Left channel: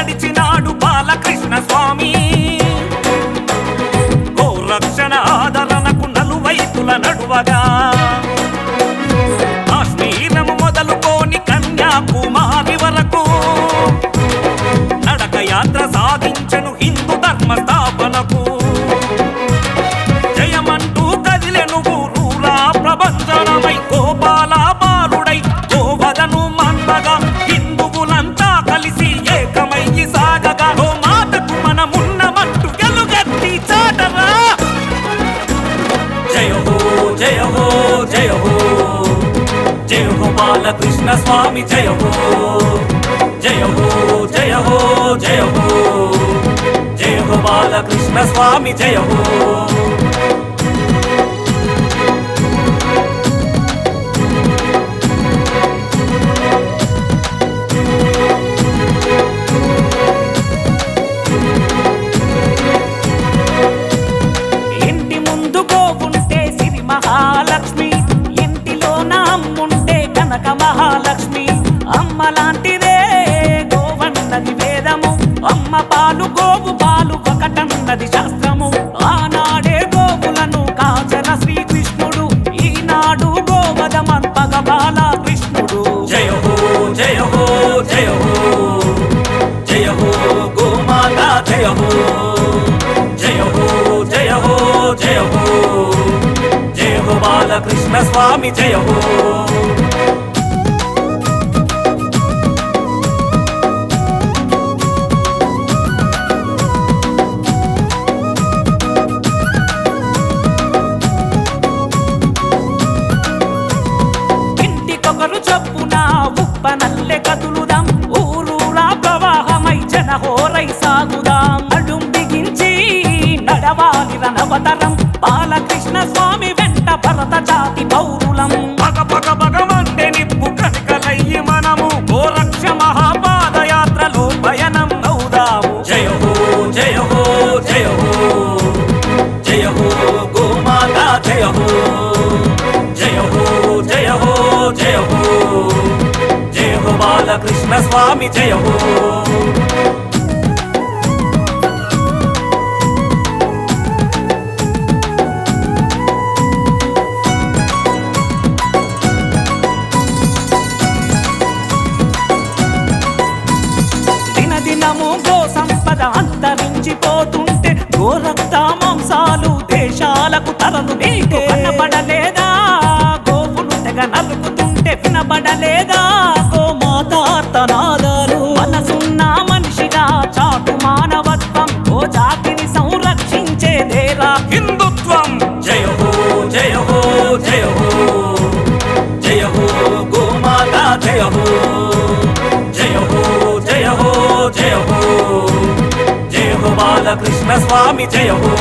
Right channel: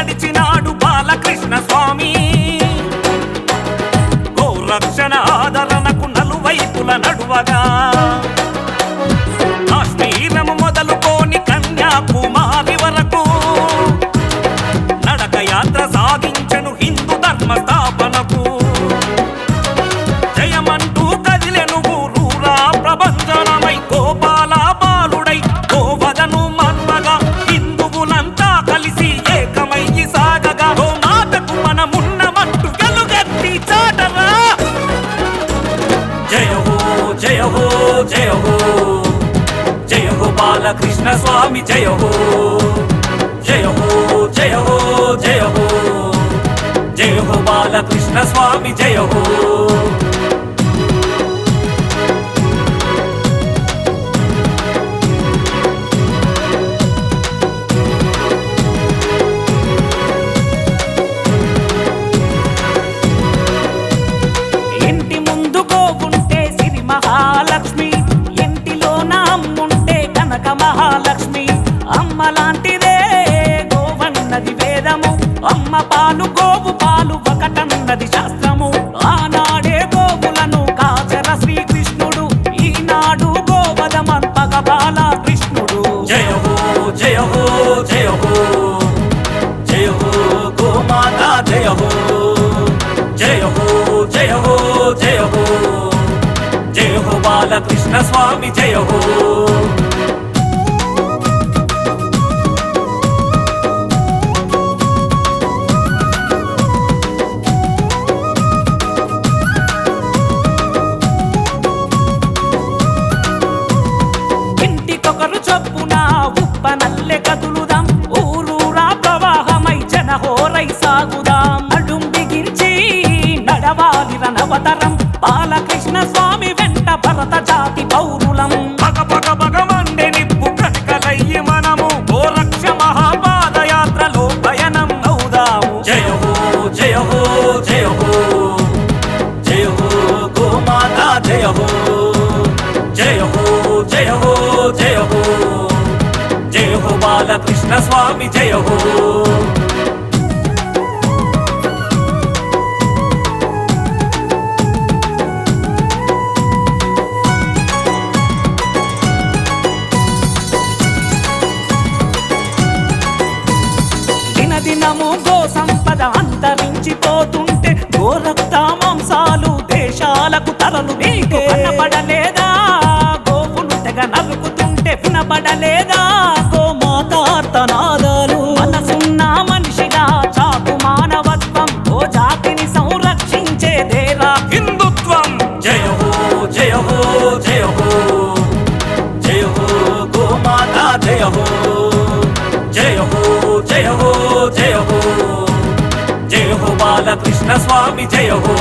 నడిచినాడు బాలకృష్ణ స్వామి. గోరక్షణ ఆదరణకు నలువైపుల నడువగా కాశ్మీరము మొదలుకోని కన్యాకుమారి వరకు నడక యాత్ర సాగించెను హిందూ ధర్మ స్థాపనకు. జయమంటూ కదిలెను ఊరూరా ప్రభంజనమై గోపాల బాలుడై గోవదను మన్మగా హిందువులంతా కలిసి ఏకమయ్యి సాగగా గోమాతకు మనమున్నమంటూ గెలుగెత్తి చాటరా. జయ హో జయ హో జయ హో జయ హో బాలకృష్ణ స్వామి జయ హో జయ హో జయ హో జయ హో జయ హో బాలకృష్ణ స్వామి జయ హో. ఇంటి ముందు గోవుంటే సిరి మహాలక్ష్మి, ఇంటిలో నా అమ్ముంటే కనక మహాలక్ష్మి. అమ్మ లాంటిదే గోవన్నది వేదము, అమ్మ పాలు గోవు పాలు ఒకటన్నది శాస్త్రము. ఆనాడే గోవులను కాచర శ్రీకృష్ణుడు, ఈనాడు గోవదమంపగ బాలకృష్ణుడు. జయ హో జయ హో జయ హో జయ హో గోమాత జయ హో జయ హో జయ హో జయ హో జయ హో బాలకృష్ణ స్వామి జయ హో. ఇంటికొకరు చొప్పున ఉప్పనల్లె కదులుదాం, ఊరూరా ప్రవాహమై జనహోరై సాగుదాం. నడుం బిగించి నడవాలి రణవతరం, బాలకృష్ణ స్వామి వెంట భరత జాతి పౌరులం. పగ పగ పగ మండే నిప్పు కనికలయ్యి మనము గోరక్ష మహాపాదయాత్రలో పయనం అవుదాము. జయ హో జయ హో జయ హో జయ హో గోమాత జయ హో జయ హో జయ హో జయ హో జయ హో బాలకృష్ణ స్వామి జయ హో. దినదినము గో సంపద అంతరించిపోతుంటే గోరక్త మాంసాలు దేశాలకు తరలు నీకు కనబడలేదా? గోవులు తెగ నరుకుతుంటే వినబడలేదా గోమాతార్తనాదాలు? మనసున్న మనిషిగా చాటు మానవత్వం, ఓ జాతిని సంరక్షించేదేరా హిందుత్వం. జయ హో జయ హో జయ హో జయ హో గోమాత జయ హో జయ హో జయ హో జయ హో జయ హో బాలకృష్ణ స్వామి జయ హో.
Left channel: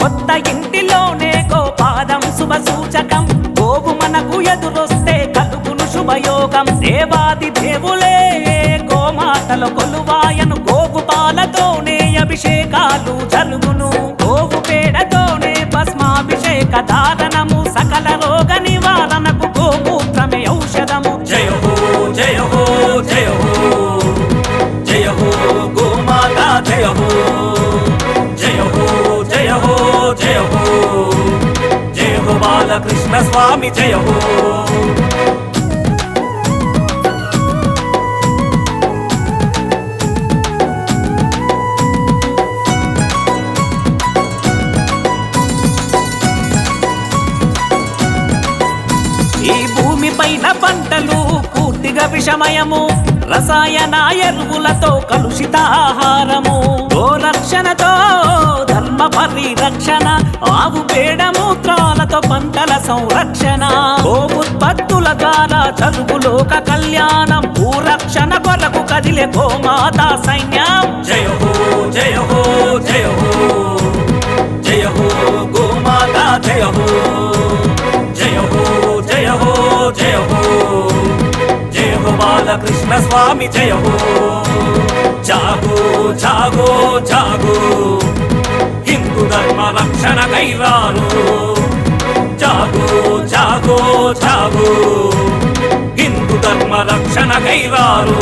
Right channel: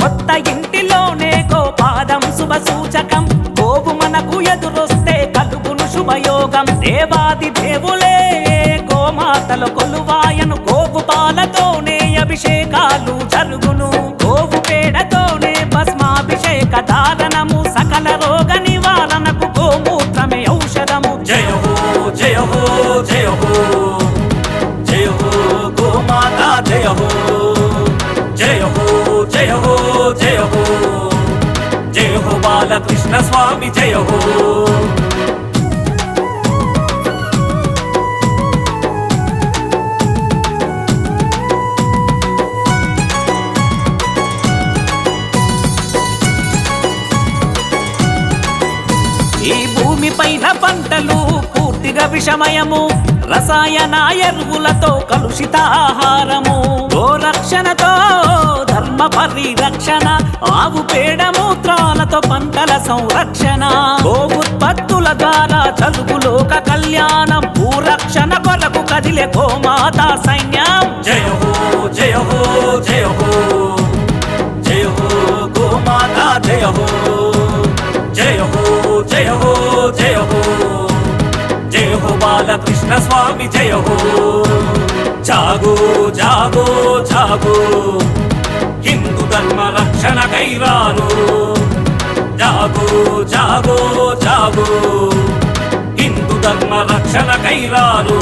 కొత్త ఇంటిలోనే గోపాదం శుభ సూచకం, గోవు మనకు ఎదురొస్తే కలుగును శుభయోగం. దేవాది దేవులే గోమాతలో కొలువాయను, గోవు పాలతోనే అభిషేకాలు జరుగును. గోవు పేడతోనే భస్మాభిషేక ధారణము, సకల రోగ నివారణకు గోమూత్రమే ఔషధము. జయ హో జయ హో జయ హో జయ హో గోమాత జయ హో జయ హో జయ హో జయ హో జయ హో బాలకృష్ణ స్వామి జయ హో. ఈ భూమి పైన పంటలు పూర్తిగా విషమయము, రసాయన ఎరువులతో కలుషిత ఆహారము. గోరక్షణతో ధర్మ పరిరక్షణ, ఆవు పేడ మూత్రాలతో పంటల సంరక్షణ. గో ఉత్పత్తుల ద్వారా జరుగు లోక కళ్యాణం, భూరక్షణ కొరకు కదిలే గోమాత సైన్యం. జయ హో జయ హో జయ హో జయ హో గోమాత జయ హో జయ హో జయ హో జయ హో జయ హో బాలకృష్ణ స్వామి జయ హో. జాగో కైరాను జాగో జాగో జాగో హిందూ ధర్మ రక్షణ కైరాను